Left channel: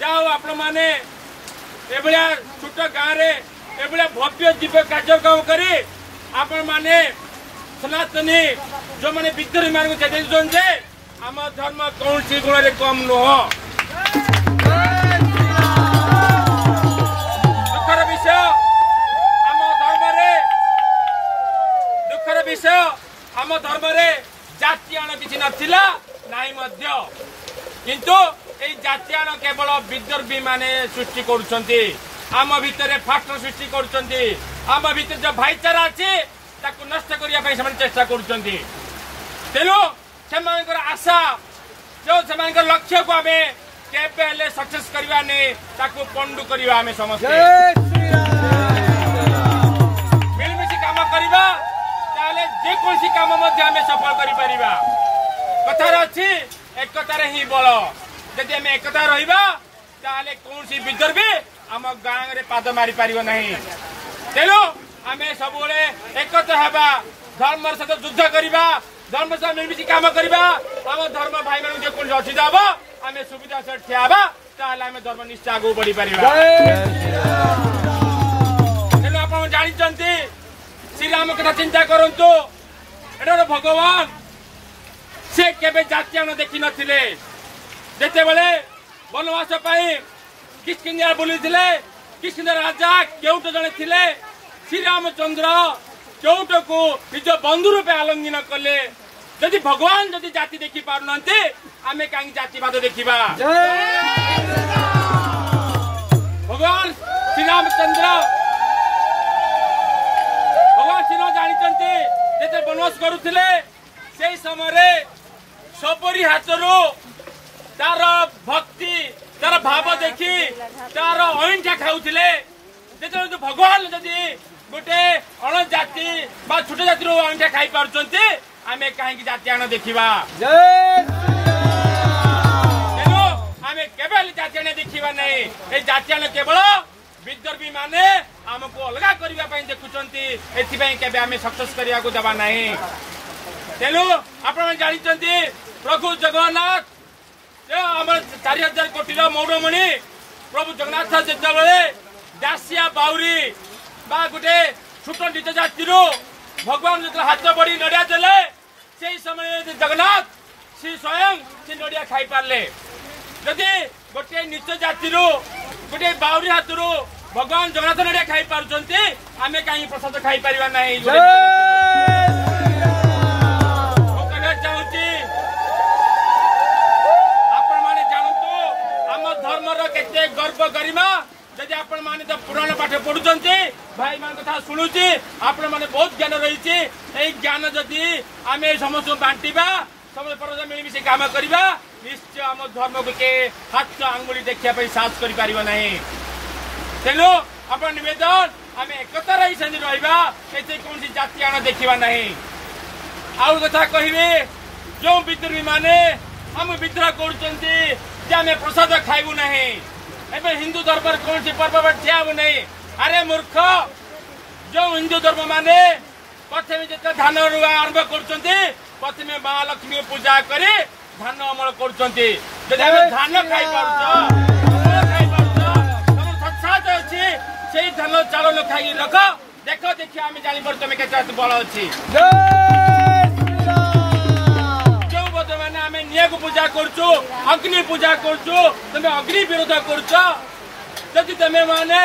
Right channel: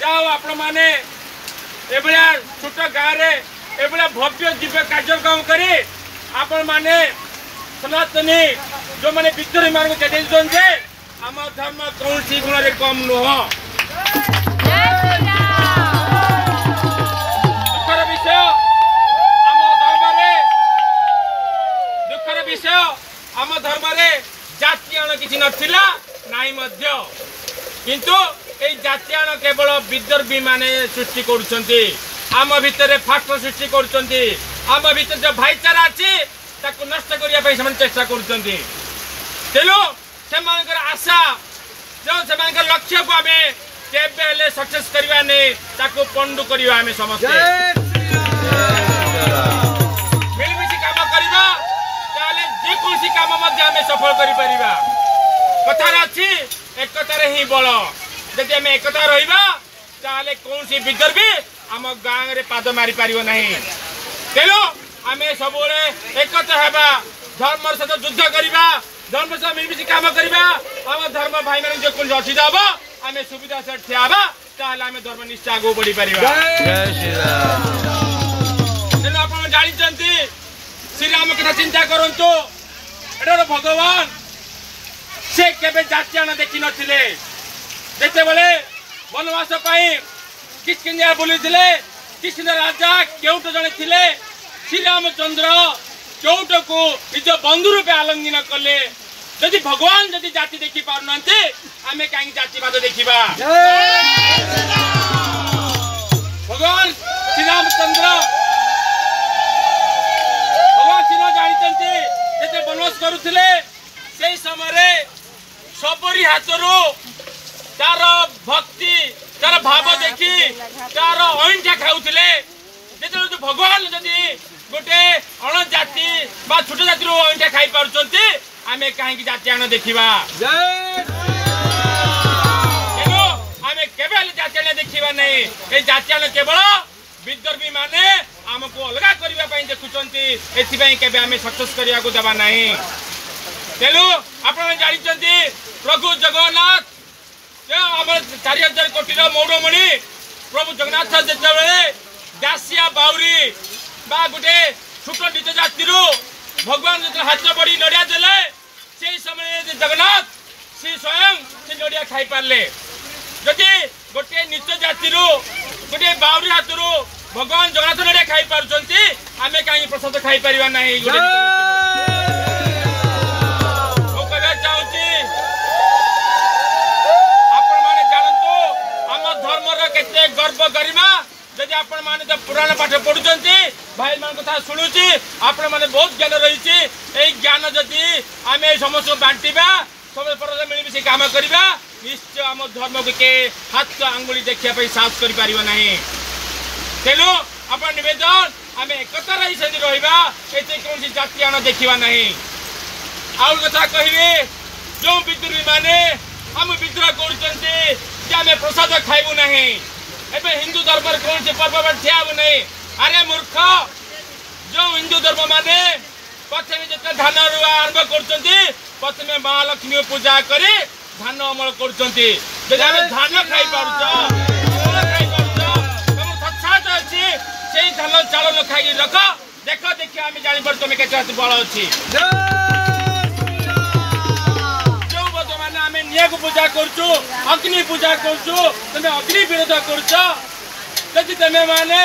जाओ आपण माने एभलिया छोट गाँव रे एभलिया भव्य दिव्य कार्यक्रम करी आपण माने सनातनी जो माने विद्रोही मान को चेतन जे आम धर्म कौन सी गुण रे कम नुह दुखर विषय आम धर्म रे जातियान किसी नथिला नाई मध्य किंतु ए जातियान केवल विद्रोही माने सृष्टि करुछंती आम भितर फाट सृष्टि करुछंती आम भितर जो भाईचारा अछि ताकु नष्ट करिया पई समान चेष्टा करुछंती तेलो सेमानकर आशा जो सेमानकर लक्ष्य को आमे केबेले सक्सेस करिवा नै ताकु पंडु करिवा आमे समस्त मिलमिशि काम करिवा जे कोसी काम मध्य हमें सफल करि परिबा कथा अछि एकता रे ही बळ जदि हमें एकता रहिबा ताले कोनसी विद्रोही हम गांव रे पाद मारी परिबो नहीं तेलो हमें सबोले एकता हेबा धर्म सहित युद्ध करिबा धर्म से मिलमिशि काम करिबा हम धर्म भाई मान जे कोन असुविधा हबो हमें सुविधा से ठियाबा ताले हमें धर्म निश्चय आगो बढ़ी परिबा जय श्री राम तेनो आपण जानि चंती श्री राम कथा चिंता करंतु एटा भगवान से केबे जातियान देखि नथिले जेते बेले वनवास पाई किष्किंधा बुलीथिले किष्किंधा राजा केउट जने थिले श्री रामचंद्र केउट को निज बंधु रूपे आलिंगन कले जदि भगवान जदि जाति देखि पारुनंते आमे काई जातिवाद देखिबा भगवान श्री रामचंद्र भगवान जानी जेते वनवास करुथिले से समय सबरी हाथरू तार भक्ति तार भाव देखी तार अहिंसा खाऊले जो भगवान जदि गोटे अण जाति बा छोट जाति अहिंसा खाई पार्टी आम कहीं जातियान देखा तेणु आम केवल जातियान देखा नहीं ये जातियान केवल विद्रोही माने आमको अलगा करने देखुंटे एपाई आम सक्सेस करने को देवा ना तेणु आप जानते प्रभु जगन्नाथ आम 4000 कोटी मौरमणि प्रभु जगन्नाथ जिते दासिया बाउरी बा गोटे छोट निज जाति भगवान जो हाथ बड़ी नड़िया देले से समय जगन्नाथ सी स्वयं से नड़िया खाई पारे जदि गोटे निज जाति गोटे बाउरी हाथ भगवान जगन्नाथ नड़िया खाई पार्टी आम कहीं प्रसाद खाई पार ना गर्व गरिमा जदि आपण माने तो पुराण पाठ पढ़ुचंती भाई मान कथा सुनुची आपण माने बहुत ज्ञान रही एई ज्ञान जदि आमे समस्त बांटीबा सब पर मिलमिशि काम करबा निश्चय आम धर्म को के हाथ आंगुली देखिया पे साहस करि पारिबो नाही तेनो आपण निवेदन आमे एकता रही सेनी रहबा एते कोनसी जाति आना देखिबा नाही आउ कथा कहिबे जो विद्रोही माने हम विद्रोह करुचंती जे आमे प्रसाद खाइबु नाही एबे हिंदू धर्म कौन से पर्व ठिया नहीं अरे मूर्ख जो हिंदू धर्म माने प्रथम जो धान रुआ आरंभ कर महालक्ष्मी पूजा कर धान अमल कर धान खाई पार्छ धान चाउल खाई रख देख देखिए आम जापर तुम के बल अच्छी को पूजा करुचु अग्नि पूजा करुचु तुम अग्नि विरोध करुच तुम माने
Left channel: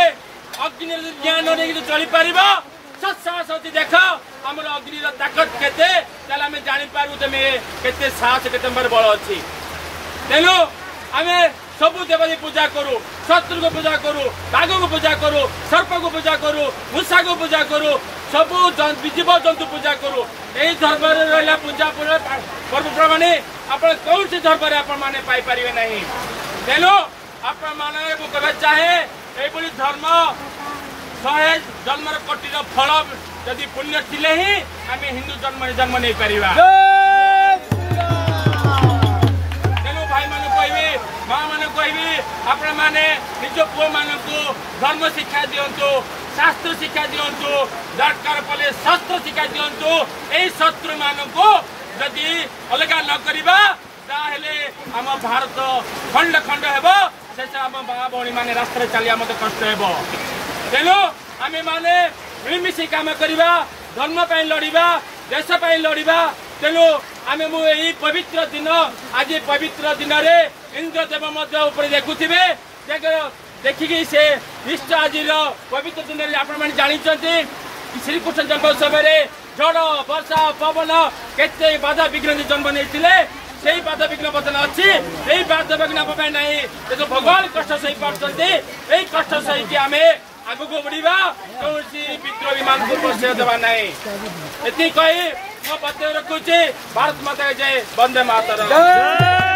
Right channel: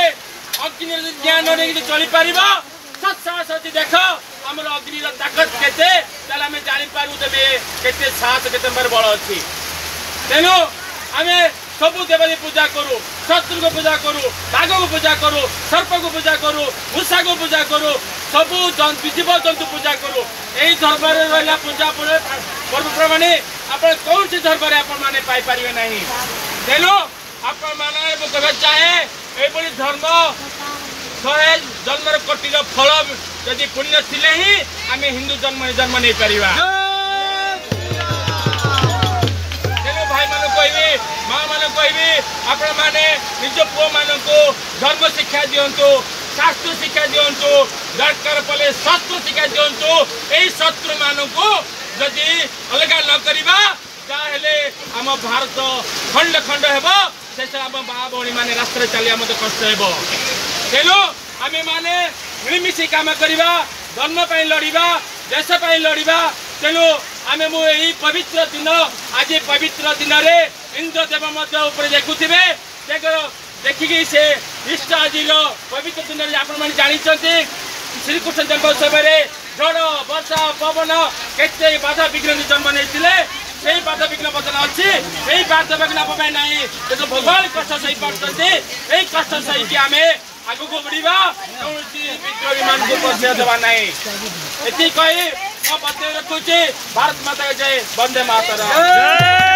अग्नि ज्ञान नहीं चली पार साहस अच्छी देख आम अग्नि ताकत केते आम जापारू तुम के साहस के बल अच्छी तेणु आम सब देवी पूजा करूँ शत्रु को पूजा करूँ बाघ को पूजा करूँ सर्प को पूजा करूँ मूषा को पूजा करूँ सब जीव जंतु पूजा करूँ यही धर्म रहा पूजा पर्वपर्वाणी आप कौन सी धर्म आपने पाइपर ना तेणु आप चाहे ये धर्म 100 जन्म कोटी फल जदि पुण्य थिले ही आम हिंदू जन्म नहीं पार तेणु भाई मान कहि माँ मान कहि आपण मैंने निज पुओ मान धर्म शिक्षा दिंतु शास्त्र शिक्षा दिंतु दरकार पड़े शस्त्र शिक्षा दिंतु यही शत्रु मान जदि अलग न करवा आम भारत खंड खंड हेब शेष आम बा भौणी मैंने रास्ता चलिया मत कष्ट हे तेणु आम मैंने मिलमिशी काम करवा धर्म लड़वा देश लड़वा तेणु आम यही पवित्र दिन आज पवित्र दिन में इंद्रदेव देखुवे देखिकी से निश्चय आज पवित्र दिन में आपण जानते श्रीकृष्ण जन्मोत्सव झड़ वर्षा पवन केते बाधा विघ्न जन्म नहीं बाधा विघ्न बदल अच्छी यही बाधा विघ्न ना देखो भगवान कष्ट सही पार्टी यही कष्ट सही आम आगू को बढ़ा कौन विद्रोही मान को परिचय देवा ना ये कही मैं बता रखुची भारत माता जय वंदे मातरम।